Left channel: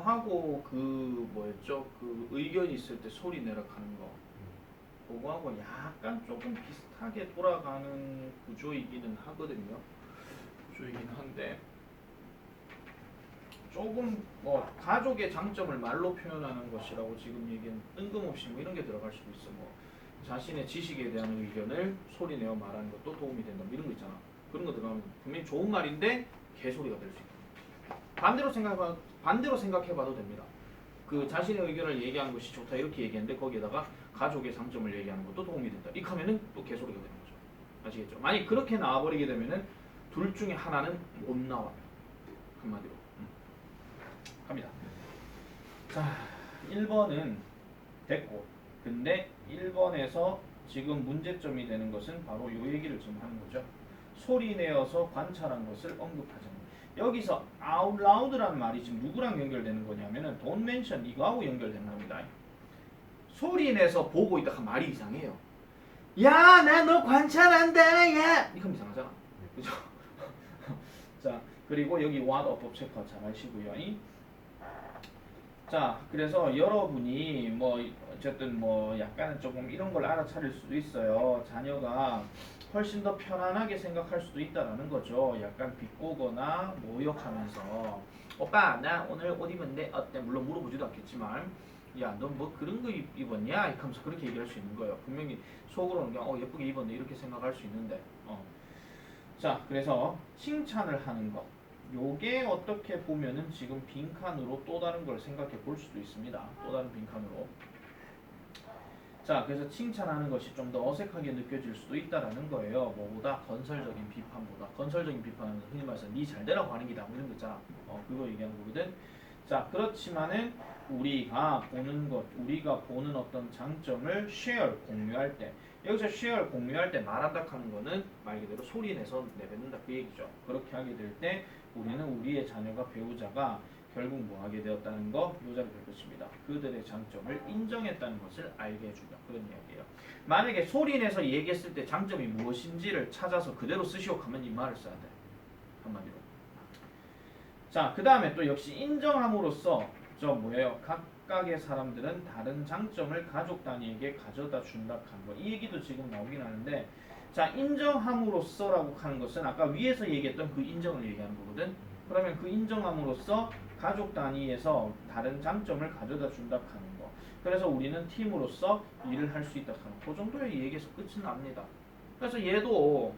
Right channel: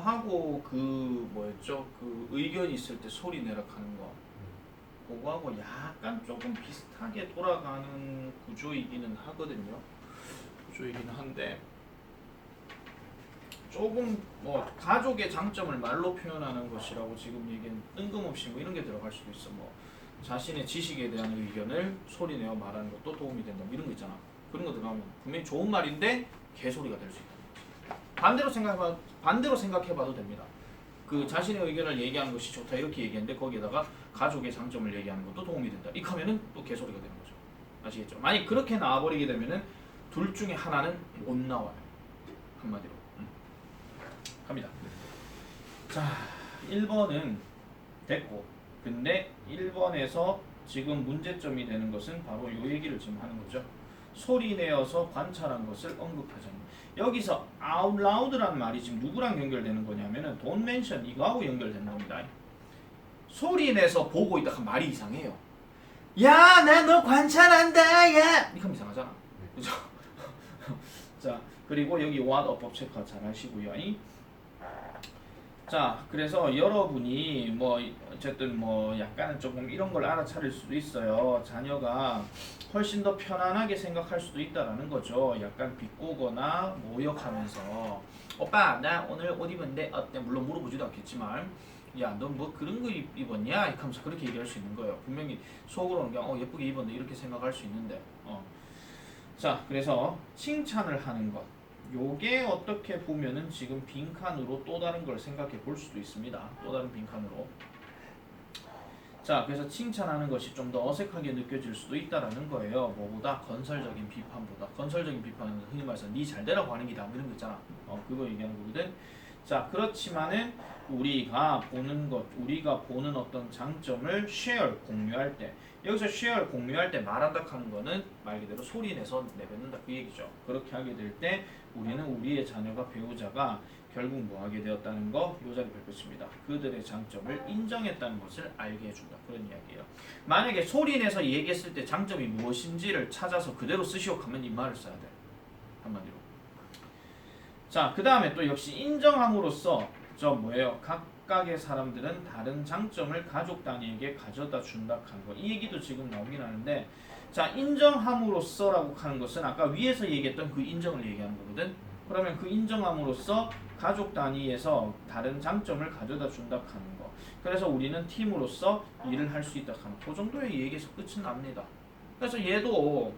그거하고 그 뭐였죠? 그 의견이 있을 때 소리 내라 하는 거. 그거하고 약간 조금 비슷하게 돌아가는 구조이기는 하거든요. 구조이기는 한데 조금 뭐 가족의 장점을 말로 표현하는 것이라고 지금 얘기는 뜬금없이 뭐 이런 게 들어갈 수도 있어. 뭐 자신의 지식에 대한 의견을 소리내어 말하는 것도 도움이 된다. 뭐 이런 거 있잖아. 그런 거 들어가면 분명히 좋은 말인데 개소리가 될 수 있다. 반대로 생각해봐도 됩니다. 그 자신의 의견을 얘기하는 것이 좋다 이렇게 얘기했는데 거기에다가 가족의 장점을 얘기하는 것도 도움이 된다. 이렇게 하면은 또 개소리가 되는 거죠. 아시겠죠? 만약 그렇게 나와버리게 되면은 둘 중에 하나는 못 나와요. 한마디로. 갑니다. 자, 1번은 됐고, 근데 1번에서 지금 문제점이 되는 것은 바로 이 얘기를 지금 하는 거죠. 소리 내어서 관찰한 것을 언급하자. 여기서 out loud라는 말이 지금 누구랑 연결되는 거냐면은 don't mention 이거하고 연결되는 겁니다. 소리 내서 보고 있다 한 말이 이상해요. 야, 나 너 관찰한다, 야. 이거 이상하잖아. 그죠? 자, 그리고 여기 what 어법 체크 잘 하시고요. 자, 그래서 여러분이 뭐 어쨌든 뭐 약간은 조금 이런 걸 알아차릴 수도 있어요. 자녀가 훨씬 더 편안하게 생각할 수도 있다라는 거죠. 약간 비꼬거나 모욕하면서 오빠 나 오늘 옷 입었는데 어때? 물론 물어보지도 않겠지만 야 너 뭐 그런 거 입었냐? 이렇게 하면서 그렇게 얘기할 수 있는 거예요. 분명히 속으로는 그냥 예쁘게 입었네 이렇게 생각할 수 있는데 자, 그래서 칭찬을 하는 것 요게 어떻게 보면은 지금 빈칸으로 또 다른 걸 생각해 볼 수도 있습니다. 또 다른 빈칸으로. 자, 그래서 칭찬하는 것이 좀 더 어색하게 느껴질 수도 있다라는 거예요. 뭐보다 건설적인 비판보다. 건설적인 비판은 흔히 말해서 니 잘되라고 하는 기다 이런 거 있잖아. 그거 얘기하는 거거든. 자, 그렇지만은 우리가 보는 어떤 장점을 share 공유할 때 여기서 share 공유할 때 말한다 하는 거는 말 그대로 소리 내서 내뱉는다 그 얘기죠. 그렇게 하게 될 때 우리는 우리의 자녀가 배우자가 결국 뭐 하게 되었다는 거 요자를 펼쳤습니다. 그들의 장점을 인정했다는 것을 알게 해준다. 그런 이야기예요. 만약에 소리 내서 얘기했을 때 장점이 무엇인지를 찾아서 그대로 쓰시오 하면 이 말을 써야 돼. 한마디로. 자, 그 다음에 또 역시 인정함으로써 저 뭐예요? 각각의 사람들은 다른 장점을 가족 단위에게 가져다 준다 하는 거. 이 얘기도 지금 나오긴 하는데 자, 인정함으로써라고 하는 것은 아까 위에서 얘기했던 그 인정을 얘기하는 거거든. 그러면 그 인정함으로써 가족 단위에서 다른 장점을 가져다 준다 하는 거. 그래서 우리는 팀으로서 일을 할 수 있다 하는 그 정도의 얘기에서 끝이 납니다. 그래서 얘도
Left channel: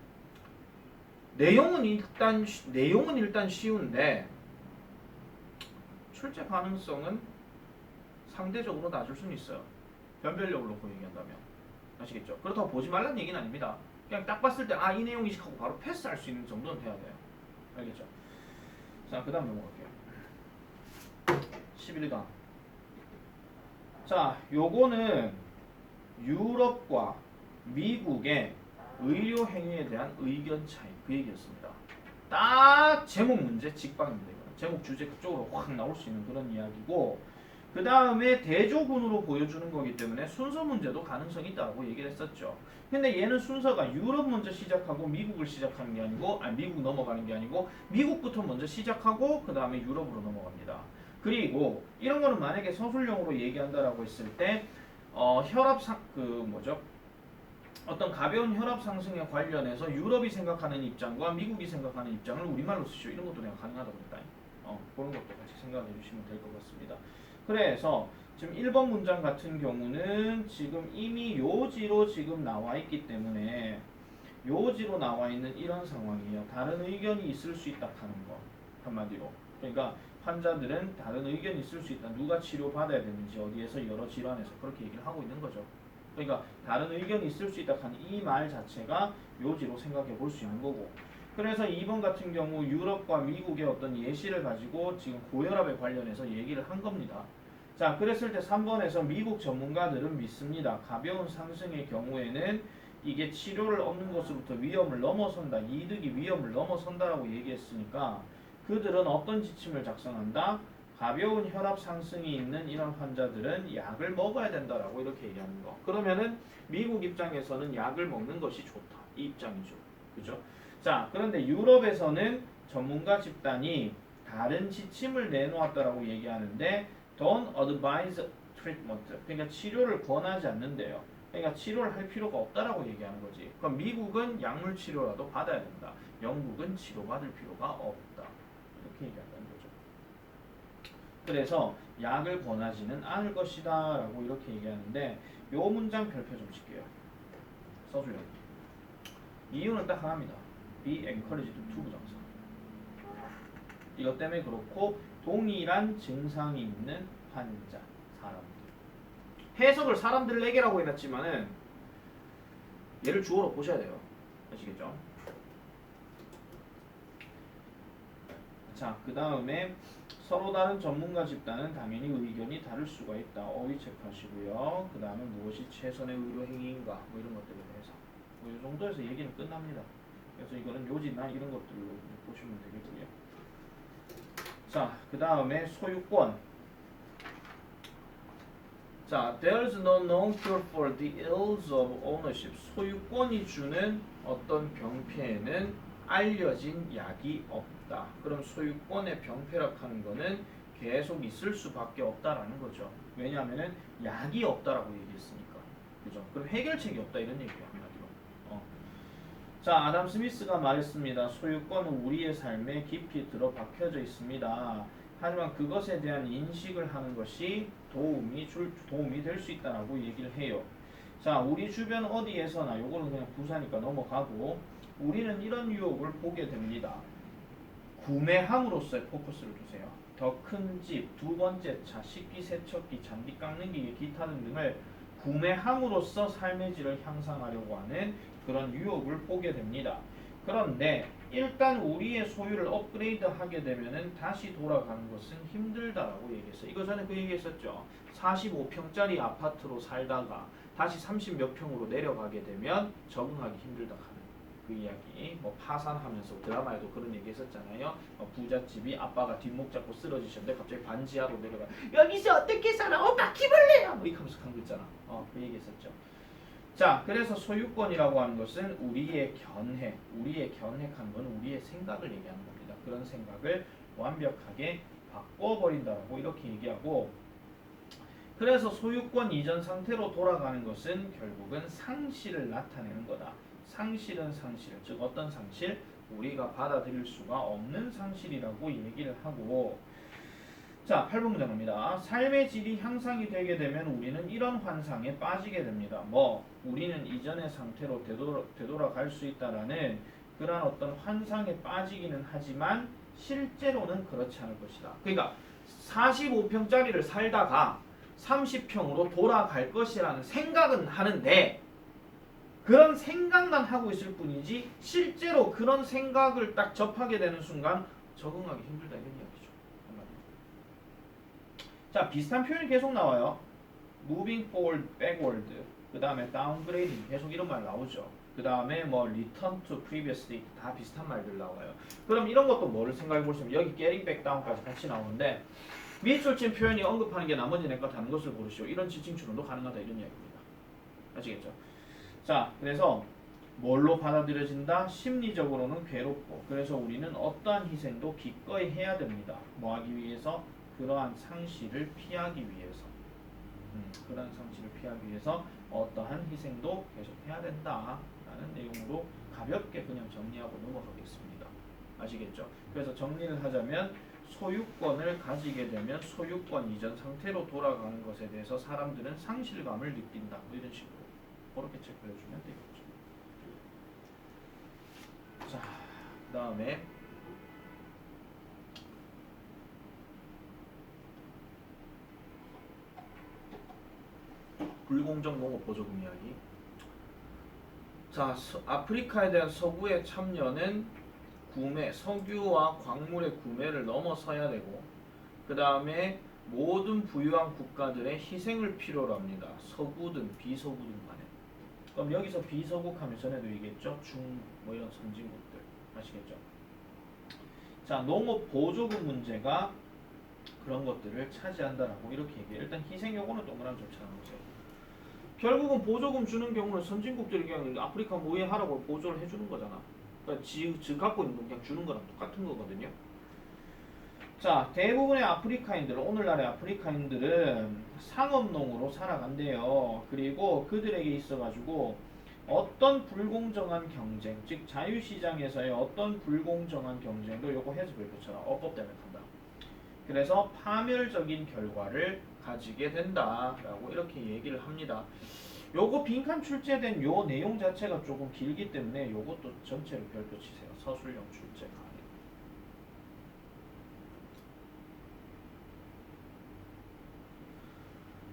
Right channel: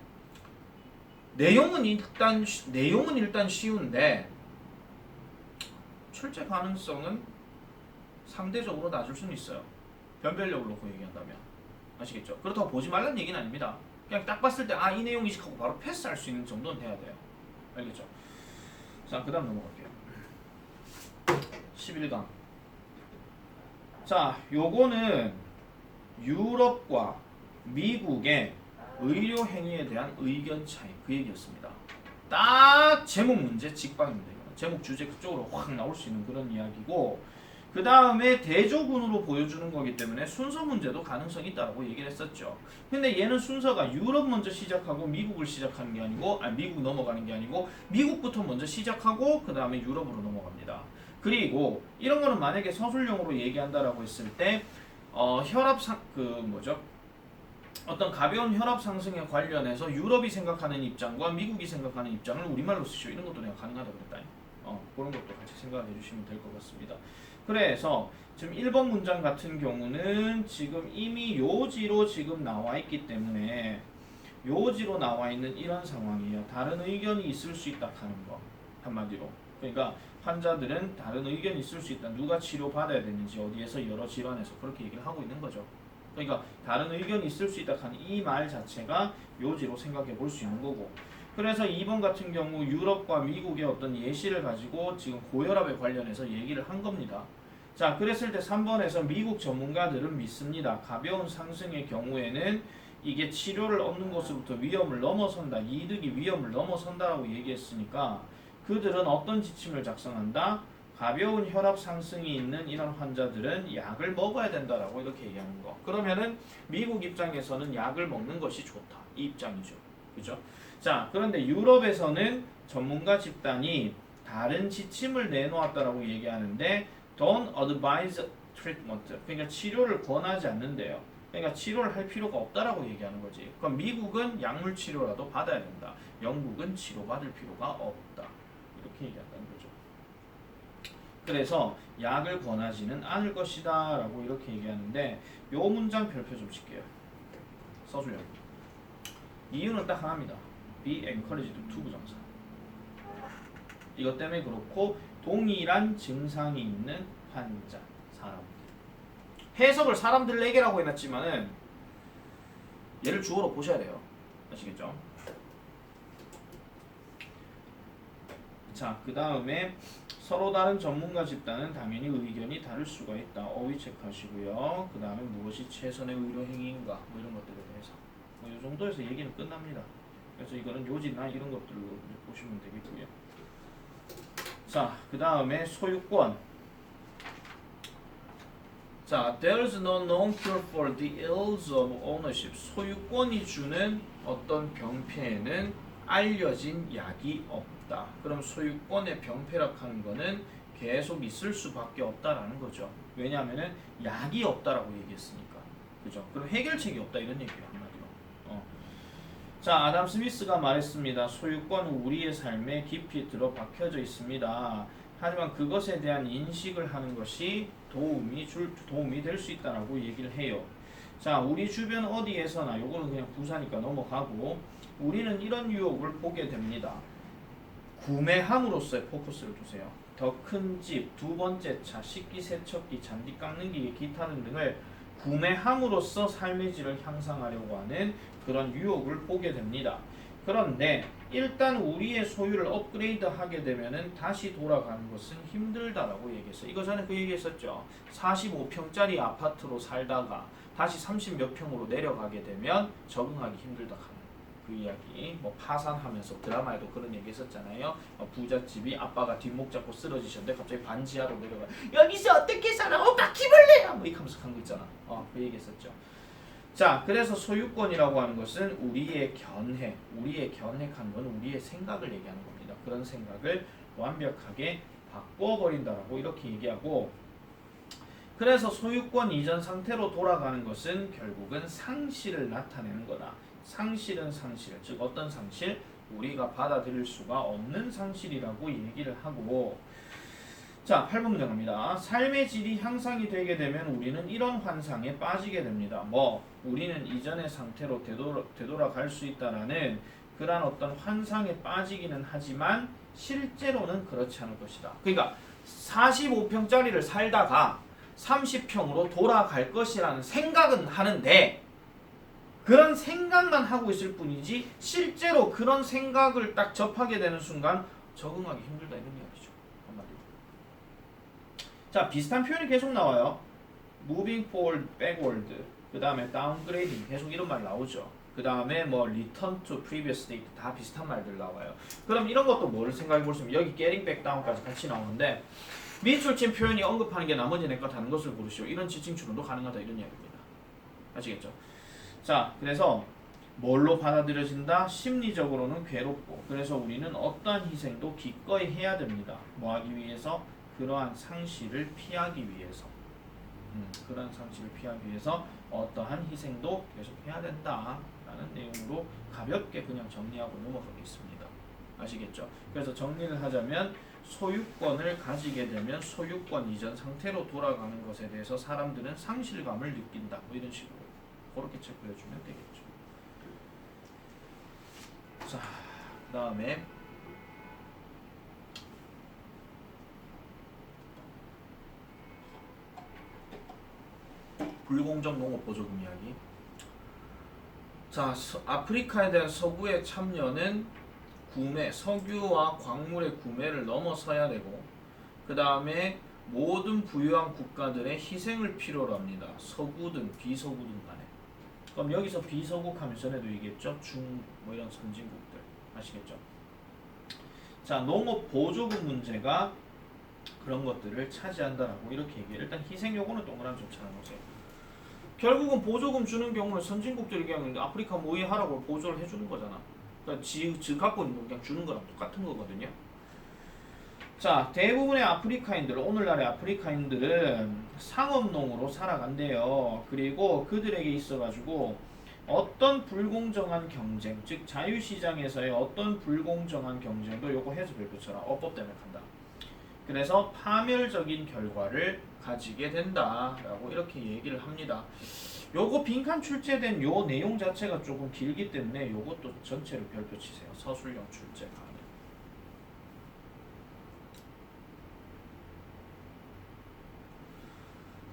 내용은 일단 쉬운데 출제 가능성은 상대적으로 낮을 수는 있어요. 변별력을 놓고 얘기한다면. 아시겠죠? 그렇다고 보지 말라는 얘기는 아닙니다. 그냥 딱 봤을 때 이 내용이지 하고 바로 패스할 수 있는 정도는 돼야 돼요. 알겠죠? 자, 그 다음 넘어갈게요. 11강. 자, 요거는 유럽과 미국의 의료 행위에 대한 의견 차이 그 얘기였습니다. 딱 제목 문제 직방입니다. 제목 주제 그쪽으로 확 나올 수 있는 그런 이야기고 그 다음에 대조군으로 보여주는 거기 때문에 순서 문제도 가능성이 있다고 얘기를 했었죠. 근데 얘는 순서가 유럽 먼저 시작하고 미국을 시작하는 게 아니고 미국 넘어가는 게 아니고 미국부터 먼저 시작하고 그 다음에 유럽으로 넘어갑니다. 그리고 이런 거는 만약에 서술형으로 얘기한다라고 했을 때 어떤 가벼운 혈압 상승에 관련해서 유럽이 생각하는 입장과 미국이 생각하는 입장을 우리말로 쓰시오. 이런 것도 내가 가능하다고 했다. 그런 것도 같이 생각해 주시면 될 것 같습니다. 그래서 지금 1번 문장 같은 경우는 지금 이미 요지로 지금 나와 있기 때문에 요지로 나와 있는 이런 상황이에요. 다른 의견이 있을 수 있다 하는 거 한마디로. 그러니까 환자들은 다른 의견이 있을 수 있다. 누가 치료받아야 되는지 어디에서 여러 질환에서 그렇게 얘기를 하고 있는 거죠. 그러니까 다른 의견이 있을 수 있다 하는 이 말 자체가 요지로 생각해 볼 수 있는 거고 그래서 2번 같은 경우 유럽과 미국의 어떤 예시를 가지고 지금 고혈압에 관련해서 얘기를 한 겁니다. 자, 그랬을 때 3번에서 미국 전문가들은 믿습니다. 가벼운 상승의 경우에는 이게 치료를 얻는 것으로부터 위험을 넘어선다. 이득이 위험을 넘어선다라고 얘기했으니까 그들은 어떤 지침을 작성한다? 가벼운 혈압 상승이 있는 이런 환자들은 약을 먹어야 된다라고 이렇게 얘기하는 거. 그러면은 미국 입장에서는 약을 먹는 것이 좋다. 이 입장이죠. 그죠? 자, 그런데 유럽에서는 전문가 집단이 다른 지침을 내놓았다라고 얘기하는데 don't advise treatment. 그러니까 치료를 권하지 않는데요. 그러니까 치료를 할 필요가 없다라고 얘기하는 거지. 그럼 미국은 약물 치료라도 받아야 된다. 영국은 치료받을 필요가 없다. 이렇게 얘기한다는 거죠. 그래서 약을 권하지는 않을 것이다 라고 이렇게 얘기하는데 요 문장 별표 좀 칠게요. 써줘요. 이유는 딱 하나입니다. be encouraged to 부정사. 이것 때문에 그렇고 동일한 증상이 있는 환자, 사람들. 해석을 사람들에게라고 해놨지만은 얘를 주어로 보셔야 돼요. 아시겠죠? 자, 그 다음에 서로 다른 전문가 집단은 당연히 의견이 다를 수가 있다. 어휘 체크하시고요. 그 다음에 무엇이 최선의 의료 행위인가 뭐 이런 것들에 대해서 이 정도에서 얘기는 끝납니다. 그래서 이거는 요지나 이런 것들로 보시면 되겠고요. 자, 그 다음에 소유권. 자, there's no known cure for the ills of ownership. 소유권이 주는 어떤 병폐에는 알려진 약이 없다. 그럼 소유권의 병폐락하는 거는 계속 있을 수밖에 없다라는 거죠. 왜냐하면은 약이 없다라고 얘기했으니까. 그죠? 그럼 해결책이 없다 이런 얘기예요. 자, 아담 스미스가 말했습니다. 소유권은 우리의 삶에 깊이 들어박혀져 있습니다. 하지만 그것에 대한 인식을 하는 것이 도움이 될 수 있다라고 얘기를 해요. 자, 우리 주변 어디에서나 요거는 그냥 부사니까 넘어가고 우리는 이런 유혹을 보게 됩니다. 구매함으로써의 포커스를 두세요. 더 큰 집, 두 번째 차, 식기세척기, 잔디 깎는 기계, 기타 등등을 구매함으로써 삶의 질을 향상하려고 하는 그런 유혹을 보게 됩니다. 그런데 일단 우리의 소유를 업그레이드 하게 되면은 다시 돌아가는 것은 힘들다라고 얘기했어요. 이거 전에 그 얘기했었죠. 45평짜리 아파트로 살다가 다시 30몇 평으로 내려가게 되면 적응하기 힘들다 하는 그 이야기. 뭐 파산하면서 드라마에도 그런 얘기 했었잖아요. 부잣집이 아빠가 뒷목 잡고 쓰러지셨는데 갑자기 반지하로 내려가. 여기서 어떻게 살아? 바퀴벌레야! 뭐 이렇게 하면서 간 거 있잖아. 그 얘기 했었죠. 자, 그래서 소유권이라고 하는 것은 우리의 견해하는 건 우리의 생각을 얘기하는 겁니다. 그런 생각을 완벽하게 바꿔버린다라고 이렇게 얘기하고, 그래서 소유권 이전 상태로 돌아가는 것은 결국은 상실을 나타내는 거다. 상실은 상실, 즉 어떤 상실? 우리가 받아들일 수가 없는 상실이라고 얘기를 하고, 자, 8번 문제 갑니다. 삶의 질이 향상이 되게 되면 우리는 이런 환상에 빠지게 됩니다. 우리는 이전의 상태로 되돌아갈 수 있다라는 그런 어떤 환상에 빠지기는 하지만 실제로는 그렇지 않을 것이다. 그러니까 45평짜리를 살다가 30평으로 돌아갈 것이라는 생각은 하는데 그런 생각만 하고 있을 뿐이지 실제로 그런 생각을 딱 접하게 되는 순간 적응하기 힘들다 이런 이야기죠. 한마디로. 자, 비슷한 표현이 계속 나와요. moving forward, backward. 그 다음에 downgrading. 계속 이런 말 나오죠. 그 다음에 return to previous state. 다 비슷한 말들 나와요. 그럼 이런 것도 뭐를 생각해 볼 수 있으면 여기 getting back down까지 같이 나오는데 미술진 표현이 언급하는 게 나머지 내거 다른 것을 고르시오. 이런 지칭 추론도 가능하다 이런 이야기입니다. 아시겠죠? 자, 그래서 뭘로 받아들여진다? 심리적으로는 괴롭고 그래서 우리는 어떠한 희생도 기꺼이 해야 됩니다. 뭐 하기 위해서? 그러한 상실을 피하기 위해서. 그러한 상실을 피하기 위해서 어떠한 희생도 계속 해야 된다라는 내용으로 가볍게 그냥 정리하고 넘어가겠습니다. 아시겠죠? 그래서 정리를 하자면 소유권을 가지게 되면 소유권 이전 상태로 돌아가는 것에 대해서 사람들은 상실감을 느낀다. 뭐 이런 식으로 그렇게 체크해주면 되겠죠. 자, 그 다음에 불공정 농업 보조금 이야기. 자, 아프리카에 대한 서구의 참여는 석유와 광물의 구매를 넘어서야 되고 그 다음에 모든 부유한 국가들의 희생을 필요로 합니다. 서구든 비서구든 간에. 그럼 여기서 비서국 하면 전에도 얘기했죠. 이런 선진국들. 아시겠죠? 자, 농업 보조금 문제가 그런 것들을 차지한다라고 이렇게 얘기해요. 일단 희생 요구는 동그라미 좋잖아요. 결국은 보조금 주는 경우는 선진국들이 그냥 아프리카 모의하라고 보조를 해주는 거잖아. 그러니까 지 갖고 있는 거 그냥 주는 거랑 똑같은 거거든요. 자, 대부분의 아프리카인들, 오늘날의 아프리카인들은 상업농으로 살아간대요. 그리고 그들에게 있어가지고 어떤 불공정한 경쟁, 즉 자유시장에서의 어떤 불공정한 경쟁도 요거 해수별표처럼 어법 때문에 간다. 그래서 파멸적인 결과를 가지게 된다라고 이렇게 얘기를 합니다. 요거 빈칸 출제된 요 내용 자체가 조금 길기 때문에 요것도 전체를 별표 치세요. 서술형 출제.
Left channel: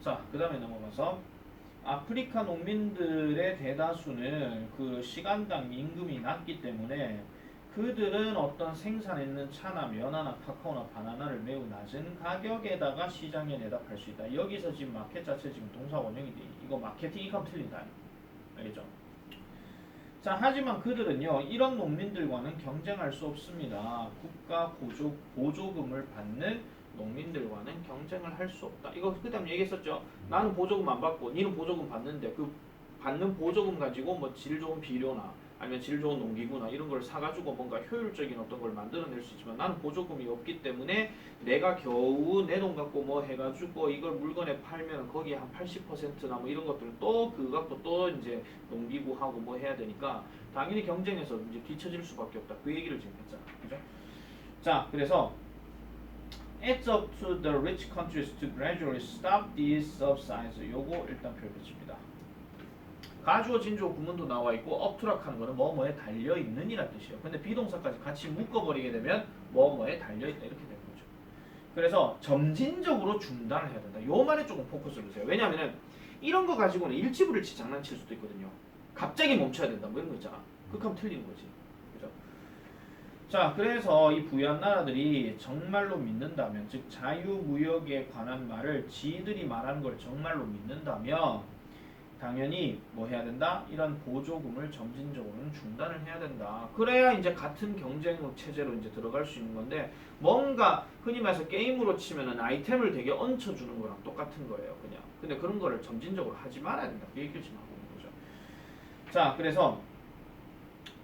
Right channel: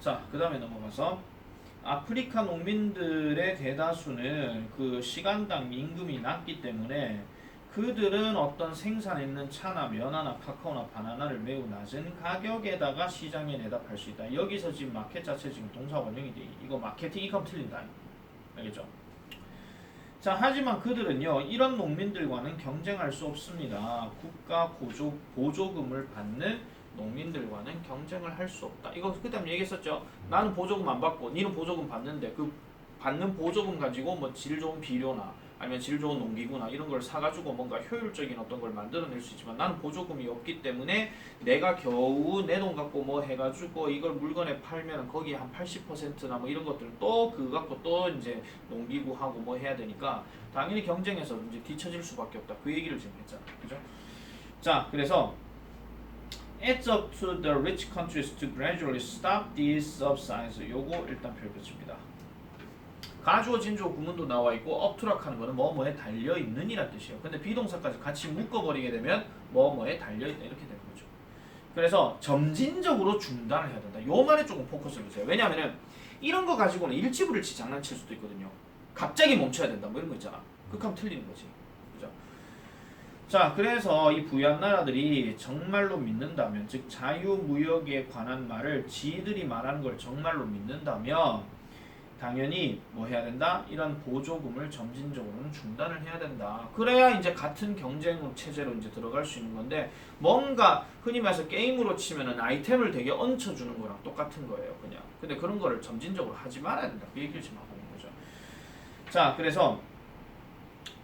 자, 그 다음에 넘어가서 아프리카 농민들의 대다수는 그 시간당 임금이 낮기 때문에 그들은 어떤 생산했는 차나 면화나 카카오나 바나나를 매우 낮은 가격에다가 시장에 내다 팔 수 있다. 여기서 지금 마켓 자체 지금 동사 원형이 돼. 이거 마케팅 이감 틀린다. 알겠죠? 자, 하지만 그들은요, 이런 농민들과는 경쟁할 수 없습니다. 국가 보조금을 받는 농민들과는 경쟁을 할 수 없다. 이거 그다음에 얘기했었죠. 나는 보조금 안 받고, 니는 보조금 받는데 그 받는 보조금 가지고 뭐 질 좋은 비료나 아니면 질 좋은 농기구나 이런 걸 사가지고 뭔가 효율적인 어떤 걸 만들어낼 수 있지만 나는 보조금이 없기 때문에 내가 겨우 내 돈 갖고 뭐 해가지고 이걸 물건에 팔면 거기에 한 80%나 뭐 이런 것들은 또 그거 갖고 또 이제 농기구하고 뭐 해야 되니까 당연히 경쟁에서 이제 뒤처질 수밖에 없다. 그 얘기를 지금 했잖아. 그죠? 자, 그래서 It's up to the rich countries to gradually stop these subsidies. 요거 일단 별표칩니다. 가주어 진주어 구문도 나와 있고 업투락하는 거는 뭐뭐에 달려 있는이란 뜻이에요. 근데 비동사까지 같이 묶어버리게 되면 뭐뭐에 달려 있다 이렇게 되는 거죠. 그래서 점진적으로 중단을 해야 된다. 요 말에 조금 포커스를 주세요. 왜냐하면은 이런 거 가지고는 일치불일치 장난칠 수도 있거든요. 갑자기 멈춰야 된다 뭐 이런 거 있잖아. 그렇게 하면 틀리는 거지. 그죠? 자, 그래서 이 부유한 나라들이 정말로 믿는다면, 즉 자유무역에 관한 말을 지들이 말하는 걸 정말로 믿는다면 당연히 뭐 해야 된다? 이런 보조금을 점진적으로는 중단을 해야 된다. 그래야 이제 같은 경쟁 체제로 이제 들어갈 수 있는 건데 뭔가 흔히 말해서 게임으로 치면은 아이템을 되게 얹혀주는 거랑 똑같은 거예요, 그냥. 근데 그런 거를 점진적으로 하지 말아야 된다. 그 얘기를 지금 하고 있는 거죠. 자, 그래서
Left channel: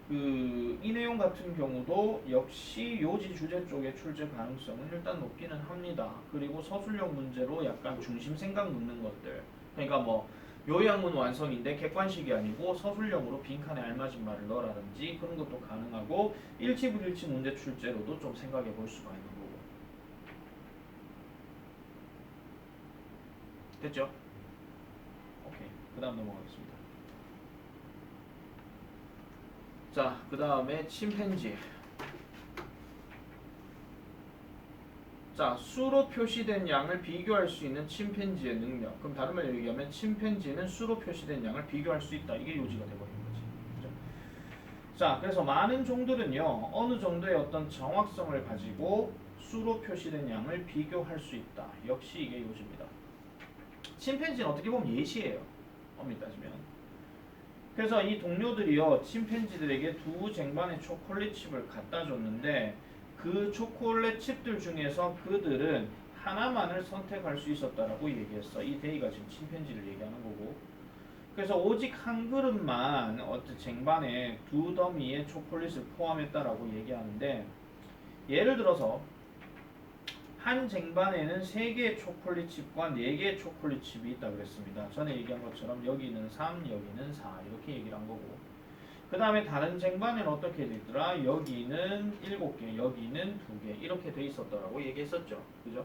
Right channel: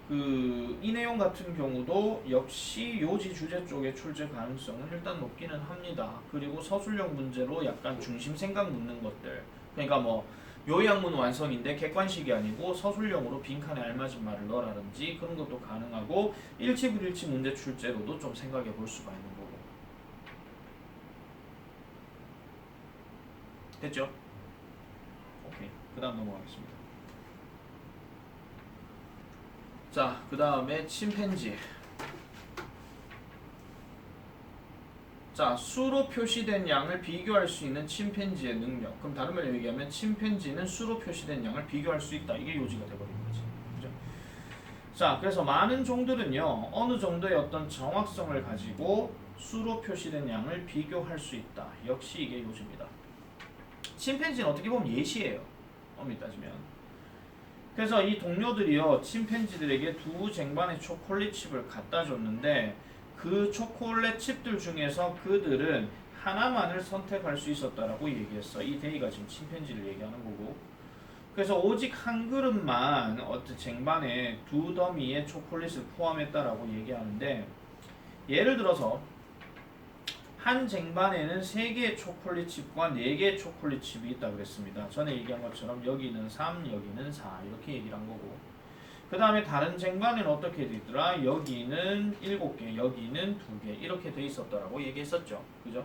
이 내용 같은 경우도 역시 요지 주제 쪽에 출제 가능성은 일단 높기는 합니다. 그리고 서술형 문제로 약간 중심 생각 묻는 것들. 그러니까 뭐 요양문 완성인데 객관식이 아니고 서술형으로 빈칸에 알맞은 말을 넣으라든지 그런 것도 가능하고 일치불일치 문제 출제로도 좀 생각해 볼 수가 있는 거고. 됐죠? 오케이. 그 다음 넘어가겠습니다. 자, 그 다음에 침팬지. 자, 수로 표시된 양을 비교할 수 있는 침팬지의 능력. 그럼 다른 말로 얘기하면 침팬지는 수로 표시된 양을 비교할 수 있다. 이게 요지가 돼버리는 거지. 그죠? 자, 그래서 많은 종들은요, 어느 정도의 어떤 정확성을 가지고 수로 표시된 양을 비교할 수 있다. 역시 이게 요지입니다. 침팬지는 어떻게 보면 예시예요. 엄밀히 따지면. 그래서 이 동료들이요, 침팬지들에게 두 쟁반의 초콜릿 칩을 갖다 줬는데 그 초콜릿 칩들 중에서 그들은 하나만을 선택할 수 있었다라고 얘기했어. 이 데이가 지금 침팬지를 얘기하는 거고. 그래서 오직 한 그릇만 어떤 쟁반에 두 더미의 초콜릿을 포함했다라고 얘기하는데 예를 들어서 한 쟁반에는 3개의 초콜릿 칩과 4개의 초콜릿 칩이 있다 그랬습니다. 전에 얘기한 것처럼 여기는 3, 여기는 4 이렇게 얘기를 한 거고 그 다음에 다른 쟁반에는 어떻게 돼 있더라? 여기는 7개, 여기는 2개 이렇게 돼 있었다라고 얘기했었죠. 그죠?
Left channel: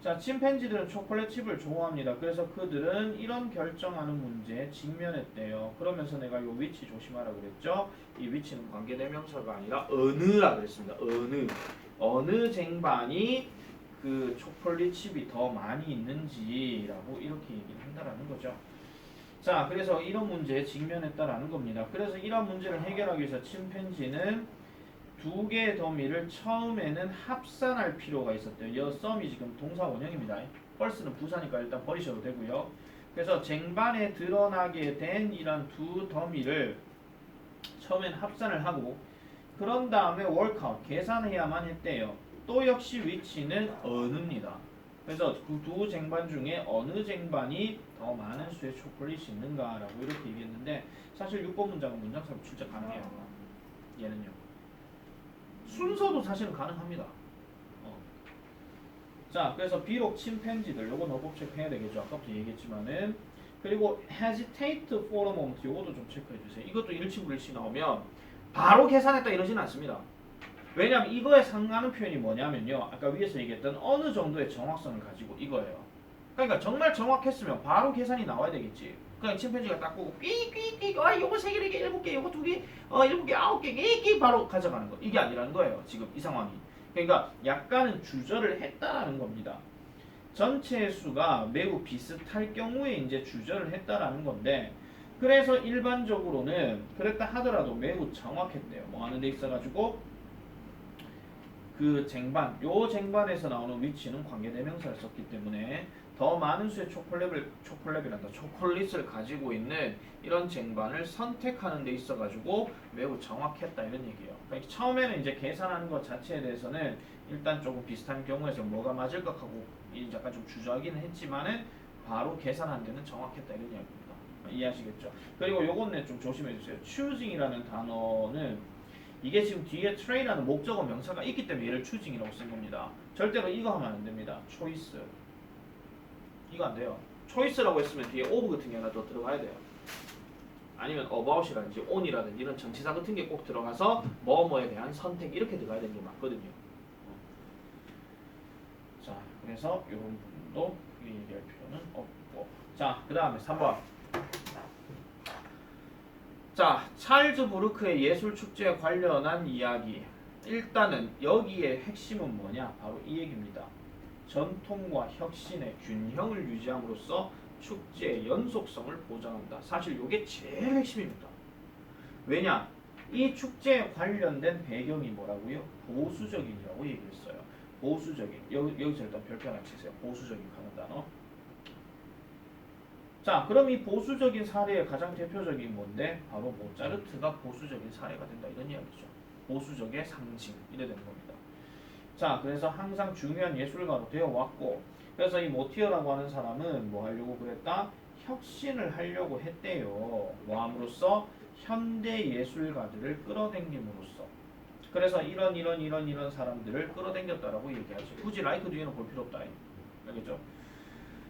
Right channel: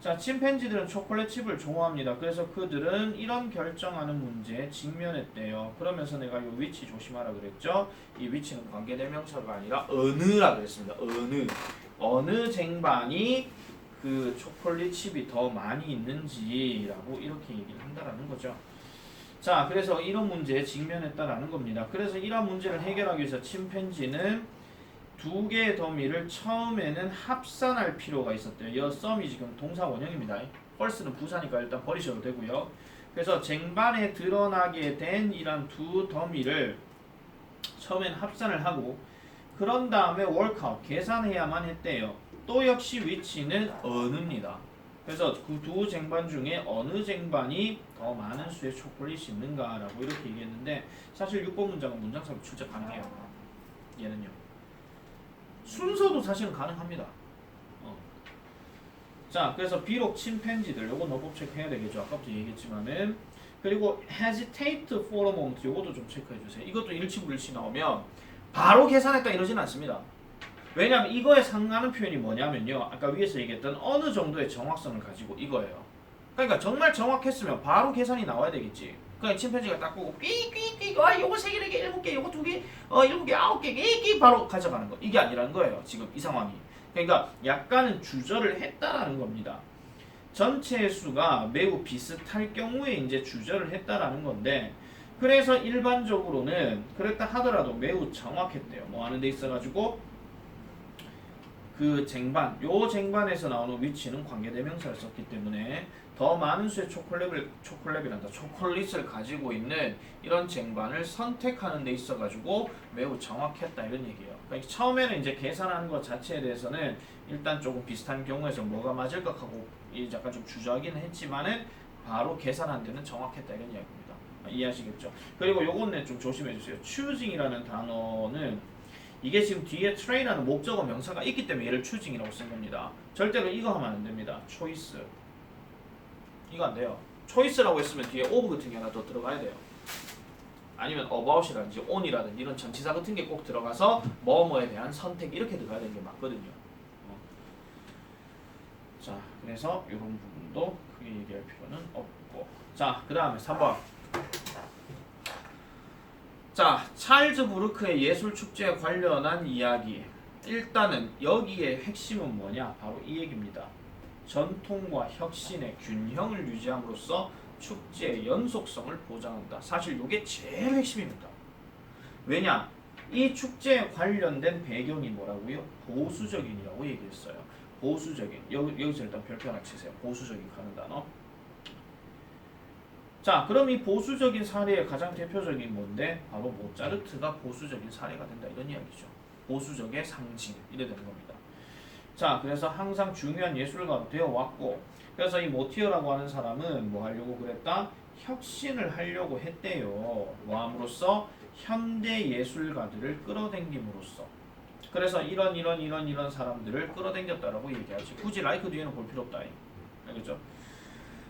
자, 침팬지들은 초콜릿 칩을 좋아합니다. 그래서 그들은 이런 결정하는 문제에 직면했대요. 그러면서 내가 이 위치 조심하라 그랬죠? 이 위치는 관계대명사가 아니라 어느라 그랬습니다. 어느 쟁반이 그 초콜릿 칩이 더 많이 있는지라고 이렇게 얘기를 한다라는 거죠. 자, 그래서 이런 문제에 직면했다라는 겁니다. 그래서 이런 문제를 해결하기 위해서 침팬지는 두 개의 더미를 처음에는 합산할 필요가 있었대요. 이 썸이 지금 동사 원형입니다. first는 부사니까 일단 버리셔도 되고요. 그래서 쟁반에 드러나게 된 이런 두 더미를 처음엔 합산을 하고 그런 다음에 workout 계산해야만 했대요. 또 역시 위치는 어느입니다. 그래서 그 두 쟁반 중에 어느 쟁반이 더 많은 수의 초콜릿이 있는가라고 이렇게 얘기했는데 사실 6번 문장은 문장상 출제 가능해요. 얘는요. 순서도 사실은 가능합니다. 자, 그래서 비록 침팬지들 요거 노법 체크해야 되겠죠. 아까부터 얘기했지만은 그리고 hesitate for a moment 요것도 좀 체크해 주세요. 이것도 일치불일치 나오면 바로 계산했다 이러진 않습니다. 왜냐하면 이거에 상응하는 표현이 뭐냐면요. 아까 위에서 얘기했던 어느 정도의 정확성을 가지고 이거예요. 그러니까 정말 정확했으면 바로 계산이 나와야 되겠지. 그러니까 침팬지가 딱 보고 삐삐삐 요거 3개, 4개, 7개, 요거 2개, 7개, 9개, 끼끼 바로 가져가는 거. 이게 아니라는 거예요. 지금 이 상황이. 그러니까 약간은 주저를 했다라는 겁니다. 전체 수가 매우 비슷할 경우에 이제 주저를 했다라는 건데 그래서 일반적으로는 그랬다 하더라도 매우 정확했대요. 뭐 하는 데 있어가지고 그 쟁반, 요 쟁반에서 나오는 위치는 관계대명사를 썼기 때문에 더 많은 수의 초콜릿을 가지고 있는 이런 쟁반을 선택하는 데 있어가지고 매우 정확했다 이런 얘기예요. 그러니까 처음에는 이제 계산하는 것 자체에 대해서는 일단 조금 비슷한 경우에서 뭐가 맞을까 하고 약간 좀 주저하기는 했지만은 바로 계산한 데는 정확했다 이런 이야기입니다. 이해하시겠죠? 그리고 요거는 좀 조심해 주세요. choosing이라는 단어는 이게 지금 뒤에 train하는 목적어 명사가 있기 때문에 얘를 choosing이라고 쓴 겁니다. 절대로 이거 하면 안 됩니다. choice. 이거 안 돼요. choice라고 했으면 뒤에 of 같은 게 하나 더 들어가야 돼요. 아니면 about이라든지 on이라든지 이런 전치사 같은 게 꼭 들어가서 뭐뭐에 대한 선택 이렇게 들어가야 되는 게 맞거든요. 자, 그래서 이런 부분도 크게 얘기할 필요는 없고. 자, 그 다음에 3번. 자, 찰즈 부르크의 예술축제에 관련한 이야기. 일단은 여기에 핵심은 뭐냐? 바로 이 얘기입니다. 전통과 혁신의 균형을 유지함으로써 축제의 연속성을 보장한다. 사실 이게 제일 핵심입니다. 왜냐? 이 축제에 관련된 배경이 뭐라고요? 보수적인이라고 얘기했어요. 보수적인. 여기서 일단 별표 하나 치세요. 보수적인 가는 단어. 자, 그럼 이 보수적인 사례의 가장 대표적인 건데 바로 모차르트가 보수적인 사례가 된다 이런 이야기죠. 보수적의 상징 이래 되는 겁니다. 자, 그래서 항상 중요한 예술가가 되어 왔고 그래서 이 모티어라고 하는 사람은 뭐 하려고 그랬다? 혁신을 하려고 했대요. 뭐 함으로써 현대 예술가들을 끌어당김으로써. 그래서 이런 사람들을 끌어당겼다라고 얘기하지. 굳이 라이크 뒤에는 볼 필요 없다. 알겠죠?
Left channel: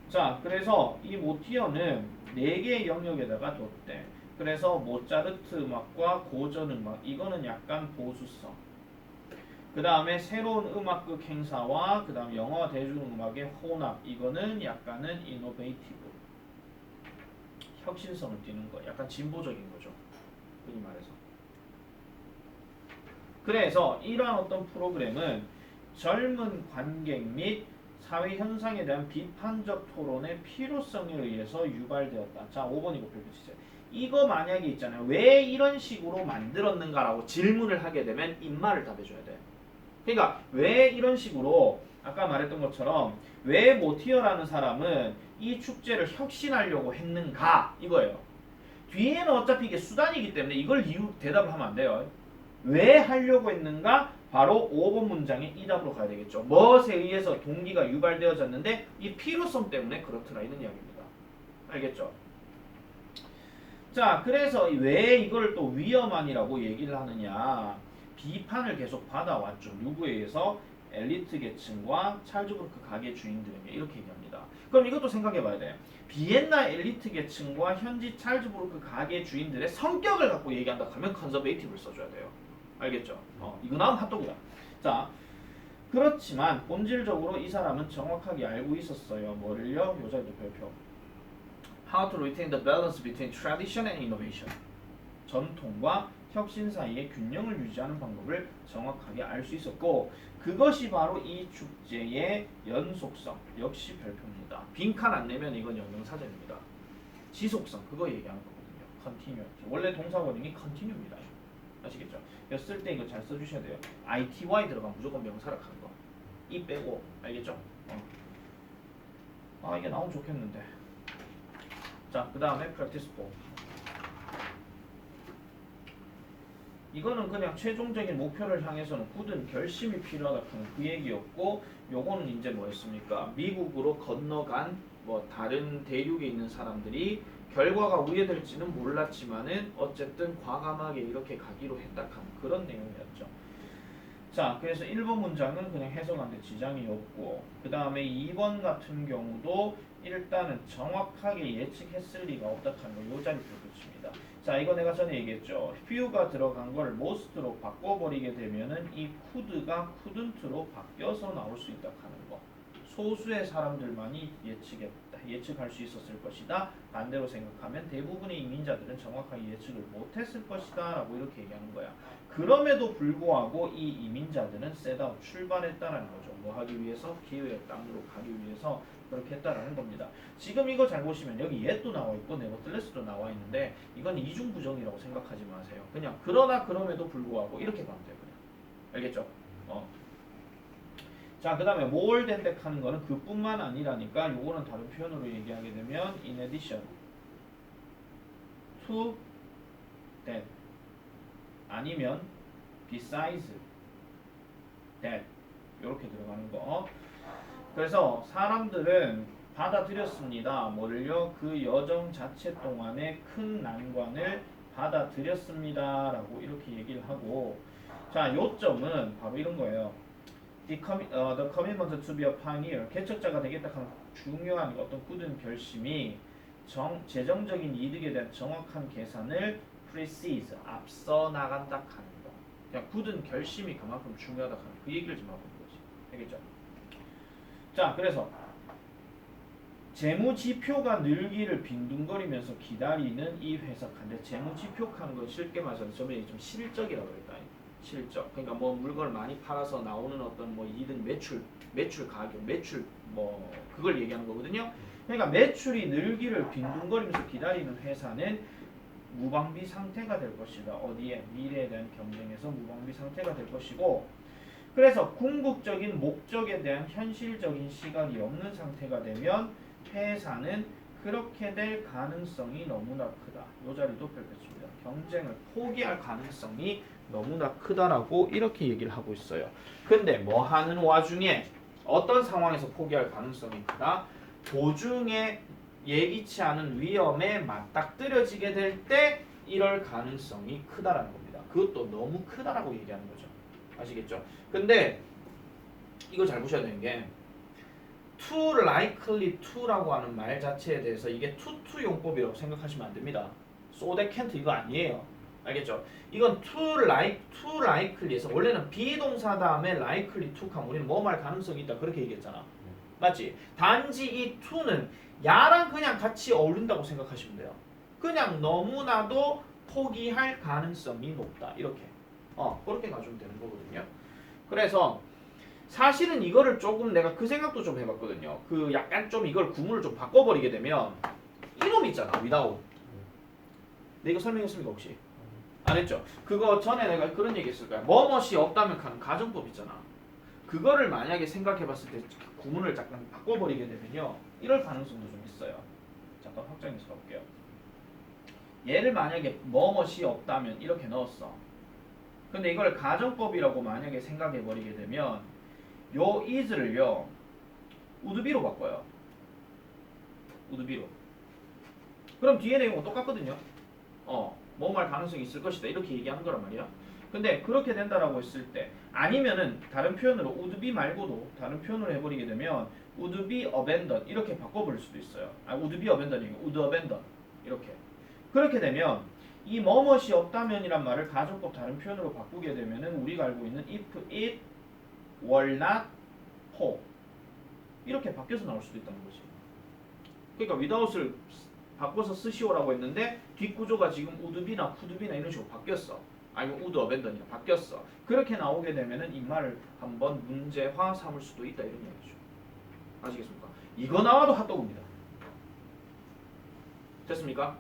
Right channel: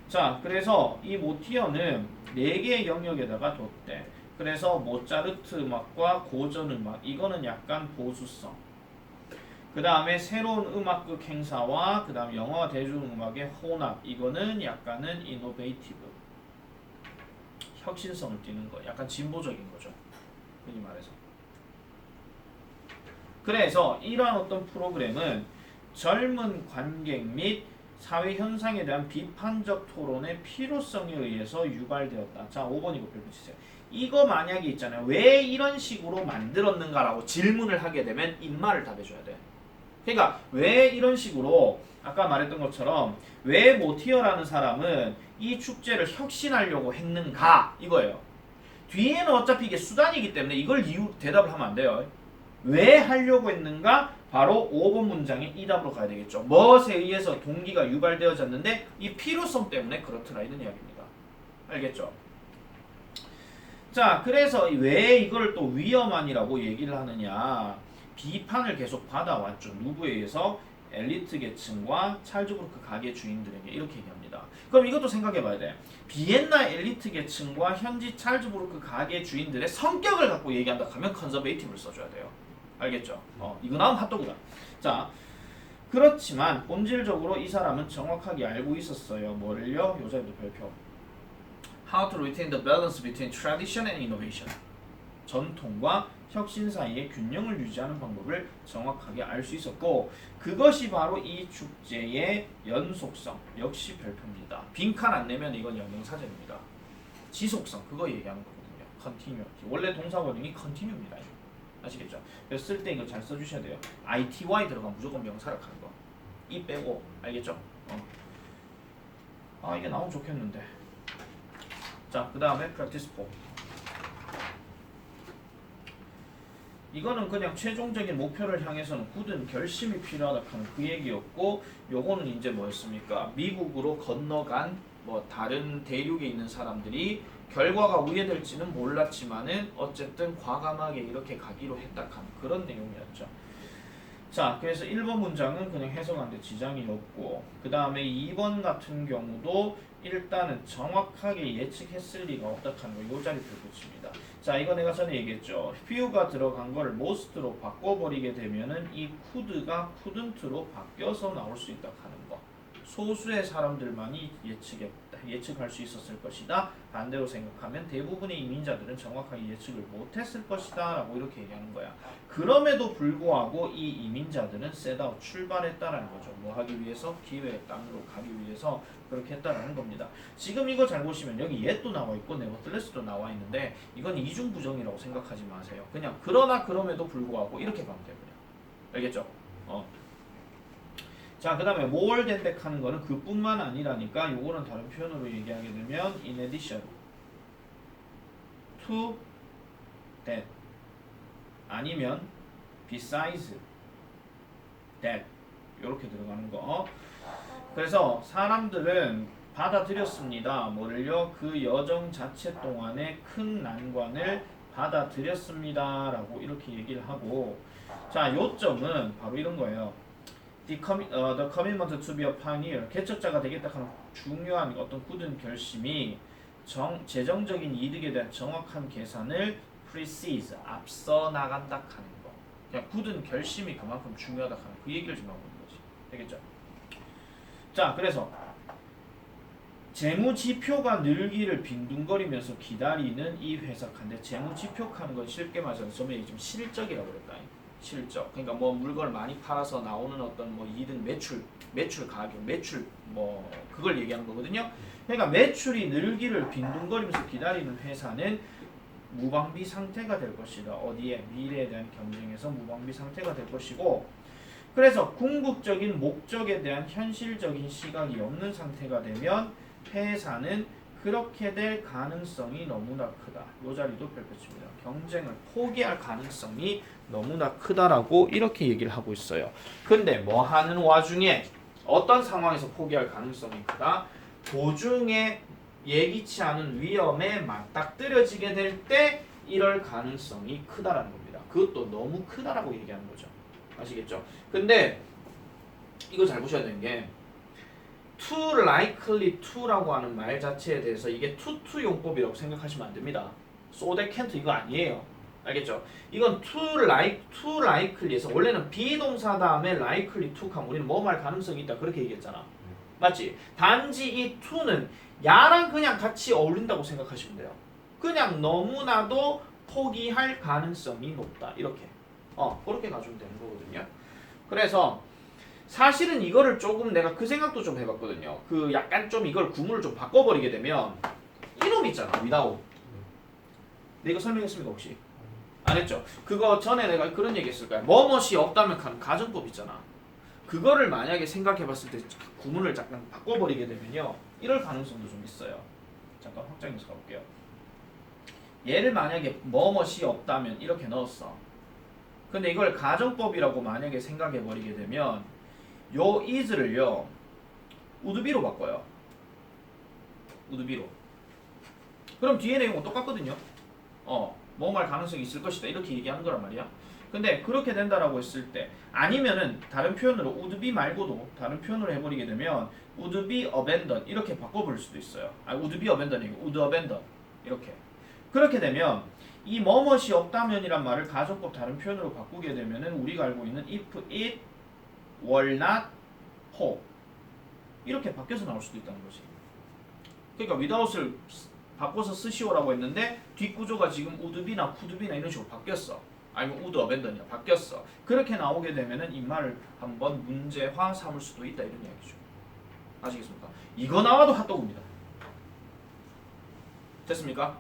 자, 그래서 이 모티어는 4개의 영역에다가 뒀대. 그래서 모차르트 음악과 고전 음악 이거는 약간 보수성. 그 다음에 새로운 음악극 행사와 그 다음 영화 대중음악의 혼합 이거는 약간은 이노베이티브. 혁신성을 띠는 거. 약간 진보적인 거죠. 흔히 말해서. 그래서 이러한 어떤 프로그램은 젊은 관객 및 사회 현상에 대한 비판적 토론의 필요성에 의해서 유발되었다. 자, 5번 이거 펼쳐주세요. 이거 만약에 있잖아요. 왜 이런 식으로 만들었는가라고 질문을 하게 되면 입말을 답해줘야 돼. 그러니까 왜 이런 식으로 아까 말했던 것처럼 왜 모티어라는 사람은 이 축제를 혁신하려고 했는가 이거예요. 뒤에는 어차피 이게 수단이기 때문에 이걸 이유 대답을 하면 안 돼요. 왜 하려고 했는가? 바로 5번 문장의 이 답으로 가야 되겠죠. 무엇에 의해서 동기가 유발되어졌는데 이 필요성 때문에 그렇더라 이런 이야기입니다. 알겠죠? 자, 그래서 왜 이걸 또 위험한이라고 얘기를 하느냐? 비판을 계속 받아왔죠. 누구에 의해서? 엘리트 계층과 찰즈 부르크 가게 주인들에게 이렇게 얘기합니다. 그럼 이것도 생각해봐야 돼. 비엔나 엘리트 계층과 현지 찰즈 부르크 가게 주인들의 성격을 갖고 얘기한다 하면 컨서베이티브를 써줘야 돼요. 알겠죠? 이거 나오면 핫도그다. 자, 그렇지만 본질적으로 이 사람은 정확하게 알고 있었어요. 뭐를요? 요자에도 별표. How to retain the balance between tradition and innovation. 전통과 혁신 사이의 균형을 유지하는 방법을 정확하게 알 수 있었고 그것이 바로 이 축제의 연속성. 역시 별표입니다. 빈칸 안 내면 이건 영영사전입니다. 지속성 그거 얘기하는 거거든요. continuity. 원래 동사원이 continue입니다. 아시겠죠? 그래서 쓸 때 이거 잘 써주셔야 돼요. ity 들어가면 무조건 명사를 가는 거. 이 빼고 알겠죠? 아 이게 나오면 좋겠는데. 자, 그 다음에 practice 4. 이거는 그냥 최종적인 목표를 향해서는 굳은 결심이 필요하다 하는 그 얘기였고 요거는 이제 뭐였습니까? 미국으로 건너간 뭐 다른 대륙에 있는 사람들이 결과가 우회될지는 몰랐지만은 어쨌든 과감하게 이렇게 가기로 했다 하는 그런 내용이었죠. 자, 그래서 1번 문장은 그냥 해석하는데 지장이 없고 그 다음에 2번 같은 경우도 일단은 정확하게 예측했을 리가 없다는 거 이 자리 붙입니다. 자, 이거 내가 전에 얘기했죠. few가 들어간 걸 most로 바꿔버리게 되면은 이 could가 couldn't로 바뀌어서 나올 수 있다 하는 거. 소수의 사람들만이 예측할 수 있었을 것이다. 반대로 생각하면 대부분의 이민자들은 정확하게 예측을 못했을 것이다 라고 이렇게 얘기하는 거야. 그럼에도 불구하고 이 이민자들은 셋아웃 출발했다라는 거죠. 뭐 하기 위해서? 기회의 땅으로 가기 위해서 그렇게 했다라는 겁니다. 지금 이거 잘 보시면 여기 yet도 나와 있고 nevertheless도 나와 있는데 이건 이중부정이라고 생각하지 마세요. 그냥 그러나 그럼에도 불구하고 이렇게 가면 돼요. 그냥. 알겠죠? 자, 그 다음에 more than that 하는 거는 그뿐만 아니라니까 요거는 다른 표현으로 얘기하게 되면 in addition to that 아니면 besides that 이렇게 들어가는 거. 그래서 사람들은 받아들였습니다. 뭐를요? 그 여정 자체 동안에 큰 난관을 받아들였습니다 라고 이렇게 얘기를 하고, 자, 요점은 바로 이런 거예요. the commitment to be a pioneer, 개척자가 되겠다 하는 중요한 어떤 굳은 결심이 재정적인 이득에 대한 정확한 계산을 precedes, 앞서 나간다 하는 거. 그냥 굳은 결심이 그만큼 중요하다 하는 그 얘기를 좀 하고 있는 거지. 되겠죠? 자, 그래서 재무지표가 늘기를 빈둥거리면서 기다리는 이 회사 간데, 재무지표 하는 건 쉽게 말해서 저번에 좀 실적이라고 그랬다. 실적. 그러니까 뭐 물건을 많이 팔아서 나오는 어떤 뭐 이득, 매출 가격, 매출 뭐 그걸 얘기하는 거거든요. 그러니까 매출이 늘기를 빈둥거리면서 기다리는 회사는 무방비 상태가 될 것이다. 어디에? 미래에 대한 경쟁에서 무방비 상태가 될 것이고, 그래서 궁극적인 목적에 대한 현실적인 시각이 없는 상태가 되면 회사는 그렇게 될 가능성이 너무나 크다. 이 자리도 펼쳐집니다. 경쟁을 포기할 가능성이 너무나 크다라고 이렇게 얘기를 하고 있어요. 근데 뭐 하는 와중에 어떤 상황에서 포기할 가능성이 크다? 도중에 예기치 않은 위험에 맞닥뜨려지게 될 때 이럴 가능성이 크다라는 겁니다. 그것도 너무 크다라고 얘기하는 거죠. 아시겠죠? 근데 이거 잘 보셔야 되는 게 too likely to라고 하는 말 자체에 대해서 이게 to 용법이라고 생각하시면 안 됩니다. so that can't 이거 아니에요. 알겠죠? 이건 too likely에서 원래는 비동사 다음에 likely to 하면 우리는 뭐 말 가능성이 있다 그렇게 얘기했잖아. 맞지? 단지 이 to는 야랑 그냥 같이 어울린다고 생각하시면 돼요. 그냥 너무나도 포기할 가능성이 높다. 이렇게. 그렇게 가주면 되는 거거든요. 그래서 사실은 이거를 조금 내가 그 생각도 좀 해봤거든요. 그 약간 좀 이걸 구문을 좀 바꿔버리게 되면 이놈 있잖아. without. 내가 이거 설명했습니까 혹시? 안 했죠? 그거 전에 내가 그런 얘기 했을 거야. 뭐뭇이 없다면 하는 가정법 있잖아. 그거를 만약에 생각해봤을 때 구문을 잠깐 바꿔버리게 되면요. 이럴 가능성도 좀 있어요. 잠깐 확장해서 가볼게요. 얘를 만약에 뭐뭇이 없다면 이렇게 넣었어. 근데 이걸 가정법이라고 만약에 생각해버리게 되면 요 is를요 would be로 바꿔요. would be로. 그럼 뒤에 내용은 똑같거든요. 뭐할 가능성이 있을 것이다 이렇게 얘기하는 거란 말이야. 근데 그렇게 된다라고 했을 때, 아니면은 다른 표현으로 would be 말고도 다른 표현으로 해버리게 되면 would be abandoned 이렇게 바꿔볼 수도 있어요. would be abandoned, would abandon 이렇게. 그렇게 되면 이 뭐뭇이 없다면이란 말을 가정법 다른 표현으로 바꾸게 되면은 우리가 알고 있는 if it were not whole 이렇게 바뀌어서 나올 수도 있다는 거지. 그러니까 without을 바꿔서 쓰시오라고 했는데 뒷구조가 지금 would be나 could be나 이런 식으로 바뀌었어. 아니면 would abandon이야 바뀌었어. 그렇게 나오게 되면은 이 말을 한번 문제화 삼을 수도 있다 이런 이야기죠. 아시겠습니까? 이거 나와도 핫도그입니다. 됐습니까?